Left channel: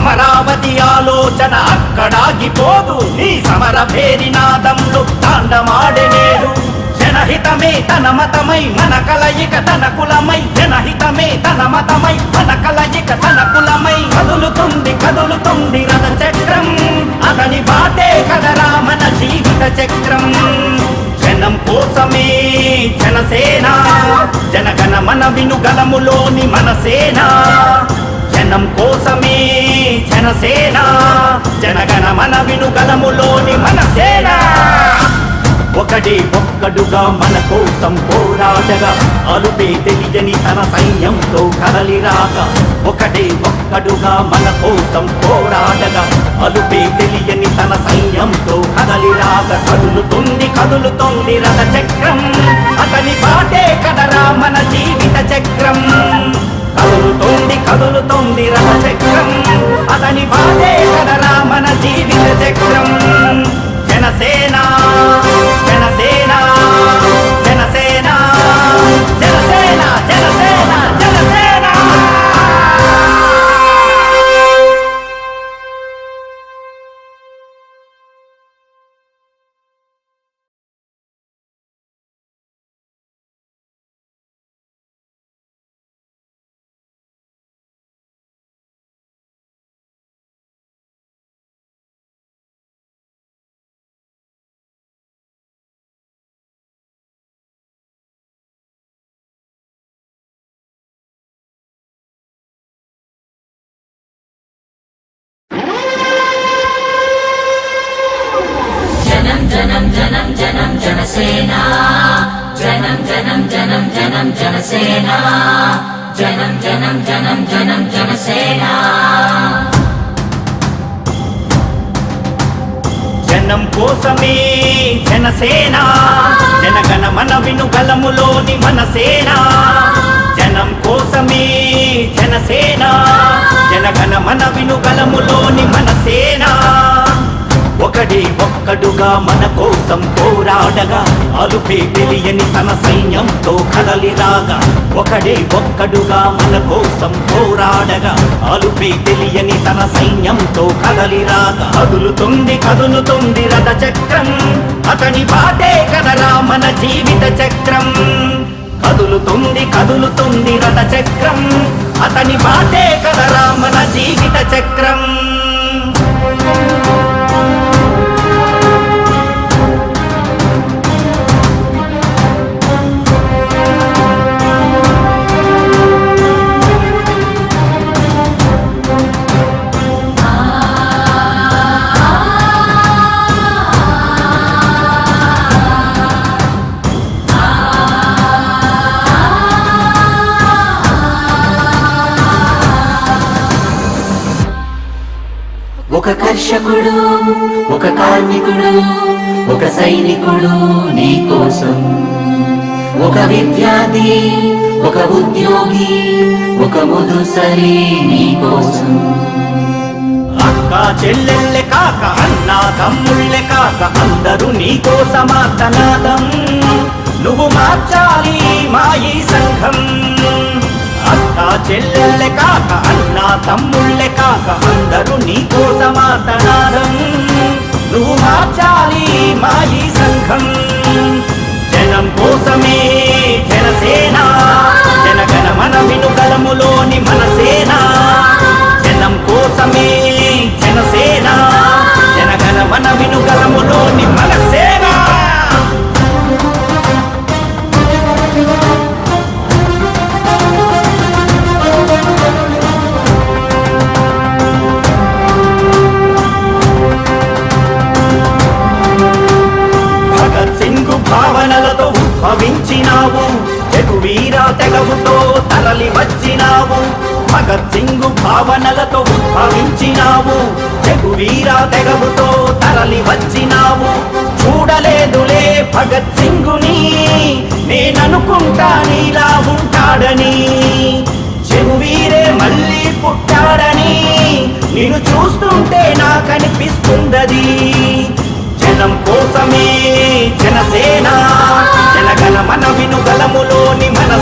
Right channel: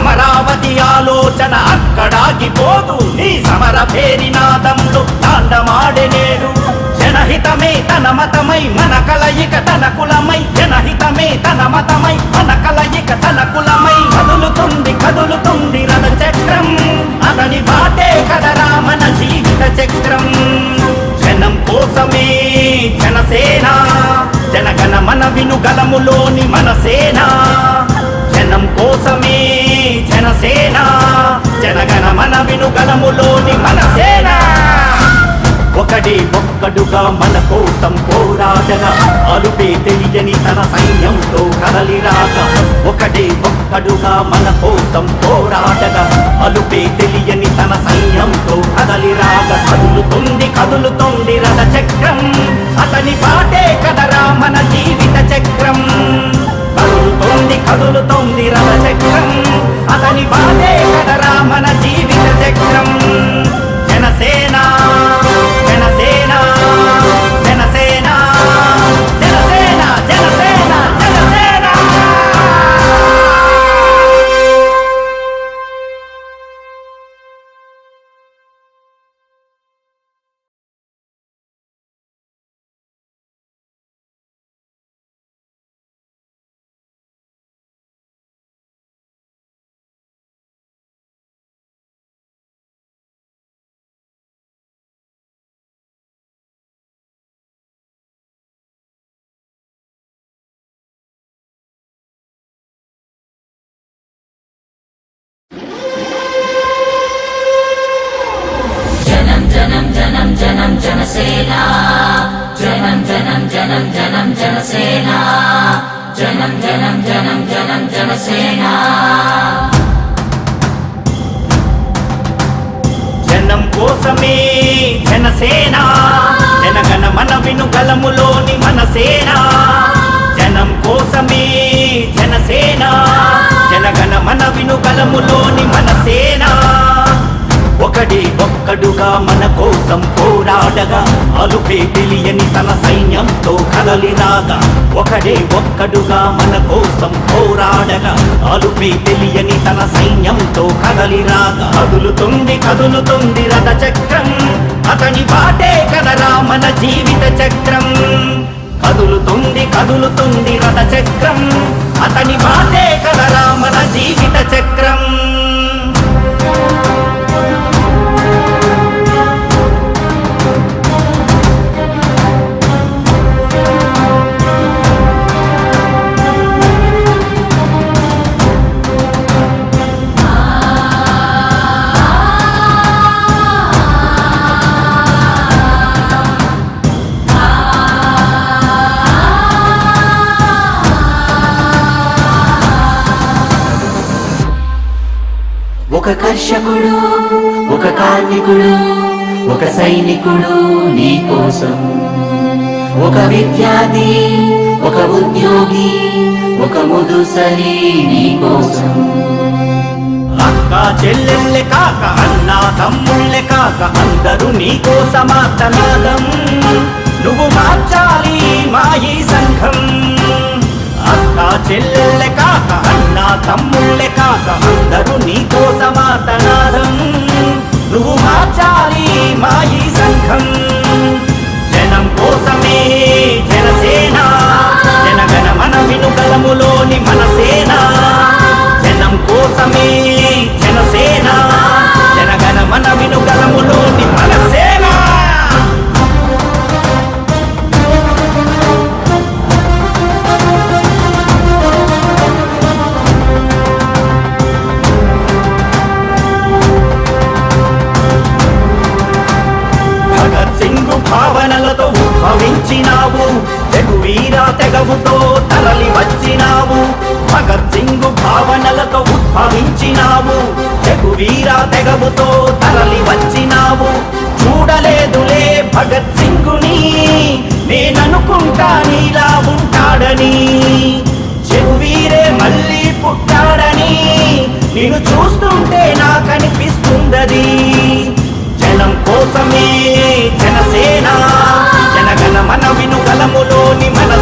అమరావతి ఆలోచన అక్కడాగిపోదు, నీ సమర భేరినాదములు తాండమాడెనేడు. జనహితమే తన మతమై మన కలయిక తన కులమై, జనహితమే తన మతమై మన కలయిక తన కులమై. కదులుతుంది కదులుతుంది రథ చక్రం, అతని బాటే కదరా మన జీవిత చక్రం. జనం కోసమే జనసేన, జనగణ మన వినుగలములోని మన సేన. జనం కోసమే జనసేన, జనగణ మన వినుగలములోని మన సేన. ఒకడే ఒక్కడుగా మన కోసం పోరాడగా, అలుపే తెలియని తన సైన్యంతో కదలిరాగా. ఒకడే ఒక్కడుగా మన కోసం పోరాడగా, అలుపే తెలియని తన సైన్యంతో కదలిరాగా. కదులుతుంది కదులుతుంది రథ చక్రం, అతని బాటే కదరా మన జీవిత చక్రం. కదులుతుంది కదులుతుంది రథ చక్రం, అతని బాటే కదరా మన జీవిత చక్రం. జనసేన జనసేన జనసేన జనసేన జనసేన జనసేన. జనం జనం జనం జనం జనసేన, జనం జనం జనం జనం జనసేన, జనం జనం జనం జనం జనసేన. జనం కోసమే జనసేన, జనగణ మన వినుగలములోని మన సేన. జనం కోసమే జనసేన, జనగణ మన వినుగలములోని మన సేన. ఒకడే ఒక్కడుగా మన కోసం పోరాడగా, అలుపే తెలియని తన సైన్యంతో కదలిరాగా. ఒకడే ఒక్కడుగా మన కోసం పోరాడగా, అలుపే తెలియని తన సైన్యంతో కదలిరాగా. కదులుతుంది కదులుతుంది రథ చక్రం, అతని బాటే కదరా మన జీవిత చక్రం. కదులుతుంది కదులుతుంది రథ చక్రం, అతని బాటే కదరా మన జీవిత చక్రం. ఒక కర్షకుడు, ఒక కార్మికుడు, ఒక సైనికుడు నీ కోసం. ఒక విద్యార్థి, ఒక ఉద్యోగి, ఒక ముదుసలి నీ కోసం. అక్క చెల్లెళ్ళే కాక అన్నా తమ్ముళ్ళే కాక అందరూ నీకో సమార్తనాదం. నువ్వు మార్చాలి మా ఈ సంఘం. అక్క చెల్లెళ్ళే కాక అన్నా తమ్ముళ్ళే కాక అందరూ నీకో సమార్తనాదం. నువ్వు మార్చాలి మా ఈ సంఘం. జనం కోసమే జనసేన, జనగణ మన వినుగలములోని మన సేన. జనం కోసమే జనసేన, జనగణ మన వినుగలములోని మన సేన. భగత్ సింగ్ భావనలతో ఉద్భవించినావు, జగువీరా తెగవుతో తరలి వచ్చినావు. భగత్ సింగ్ భావనలతో ఉద్భవించినావు, జగువీరా తెగవుతో తరలి వచ్చినావు. చూడలేదులే భగత్ సింగుని, నేననుకుంటా నీలా ఉంటాడని. చెగువీరే మళ్ళీ పుట్టాడని నిన్ను చూస్తుంటే నాకనిపిస్తుందది. జనం కోసమే జనసేన, జనగణ మన వినుగలములోని మన